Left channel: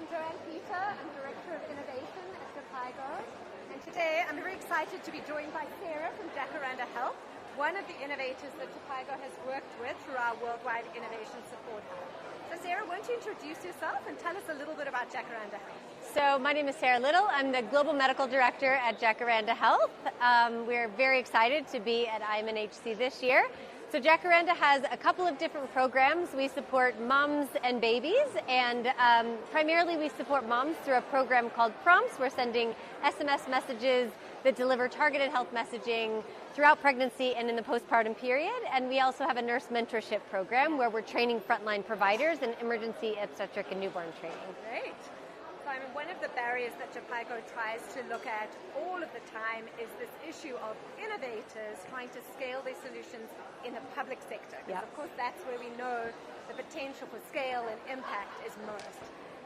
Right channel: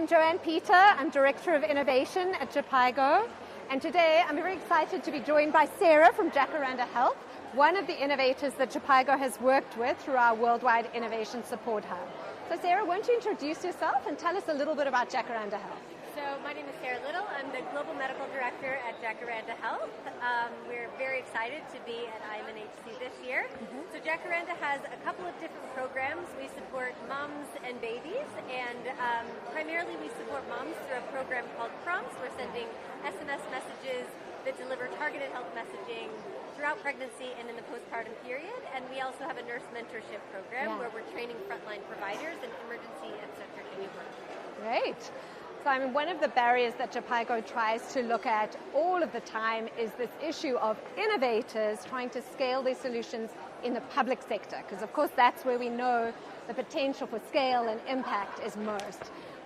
I'm Joanne Peter. I'm Director of Innovation at Japaigo. And today I'm very excited to be joined by Sarah from Jacaranda Health, one of the innovators that Japaigo has worked with through our Worldwide Innovation Support Hub. So Sarah, won't you introduce yourself and tell us a little bit about Jacaranda Health? So my name is Sarah Little. I'm the Global Medical Director at Jacaranda Health. We're very excited to be at IMNHC this year. So Jacaranda has a couple of different programs. We support moms and babies, and primarily we support moms through a program called Prompts. We're sending SMS messages that deliver targeted health messaging throughout pregnancy and in the postpartum period. And we also have a nurse mentorship program where we're training frontline providers in emergency obstetric and newborn training. Great. So I mean, one of the barriers that Japaigo tries to look at all of the time is this issue of innovators trying to scale their solutions in the public sector, because of course that's where we know the potential for scale and impact is most.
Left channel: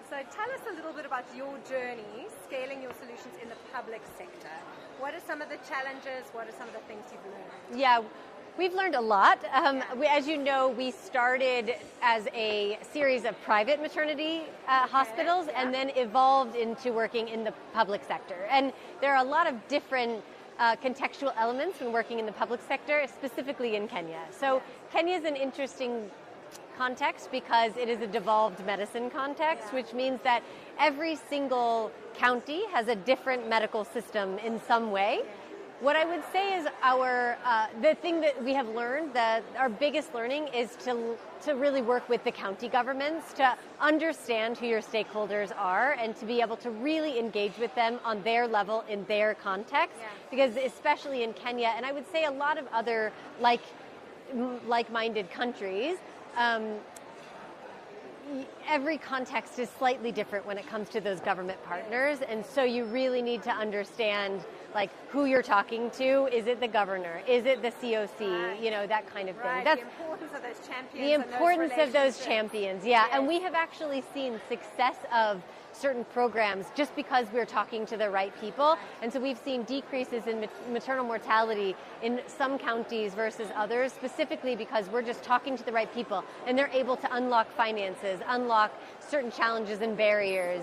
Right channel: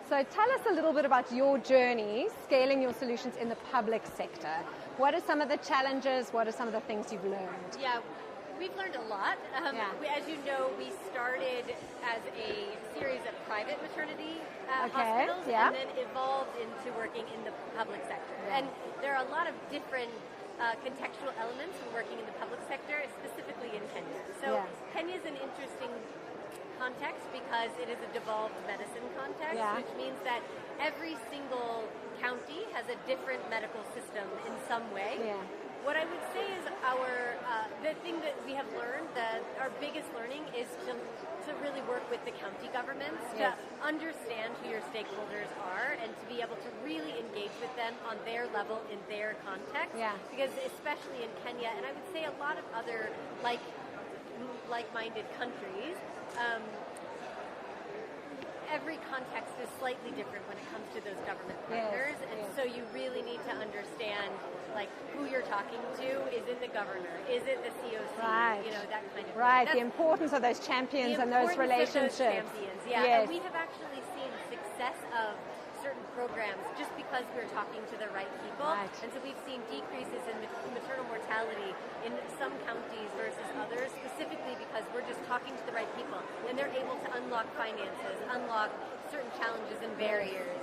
So tell us a little bit about your journey scaling your solutions in the public sector. What are some of the challenges? What are some of the things you've learned? Yeah. We've learned a lot. As you know, we started as a series of private maternity hospitals and then evolved into working in the public sector. And there are a lot of different contextual elements in working in the public sector, specifically in Kenya. So Kenya is an interesting context because it is a devolved medicine context, which means that every single county has a different medical system in some way. What I would say is the thing that we have learned, our biggest learning is to really work with the county governments, to understand who your stakeholders are and to be able to really engage with them on their level in their context. Because especially in Kenya, and I would say a lot of other like-minded countries, every context is slightly different when it comes to those government partners, and so you really need to understand who you're talking to. Is it the governor? Is it the COC? You know, that kind of thing. That's the importance of those champions. The importance of those champions, and we have actually seen success of certain programs just because we're talking to the right people. And so we've seen decreases in maternal mortality in some counties versus others, specifically because we're just talking to the right people and they're able to unlock finances, unlock certain challenges and barriers.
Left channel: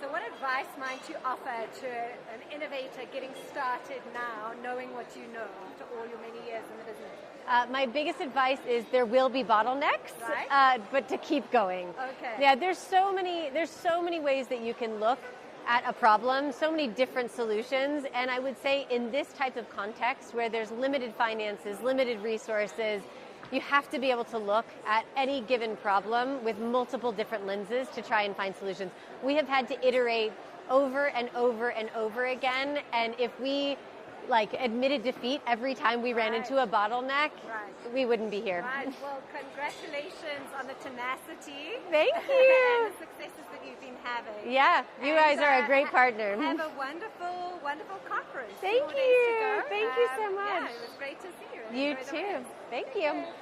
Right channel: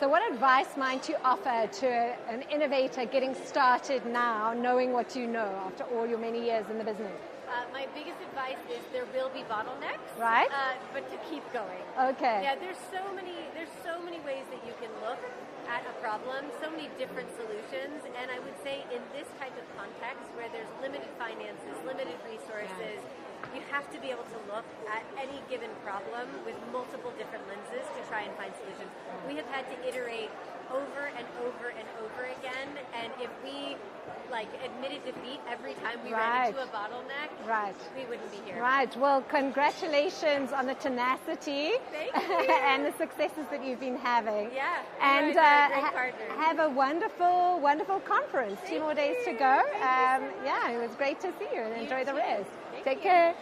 So what advice might you offer to an innovator getting started now, knowing what you know after all your many years in the business? My biggest advice is there will be bottlenecks, but to keep going. Okay. There's so many ways that you can look at a problem, so many different solutions, and I would say in this type of context where there's limited finances, limited resources, you have to be able to look at any given problem with multiple different lenses to try and find solutions. We have had to iterate over and over and over again, and if we admitted defeat every time we ran into a bottleneck, we wouldn't be here. Well, congratulations on the tenacity. Thank you. And the successes that you've been having. You guys are a great partner. Have a wonderful, wonderful conference. Thank 2 more days to go. Thank you so much. It was great to see you. And You enjoy the too. rest. Thank Take you. care.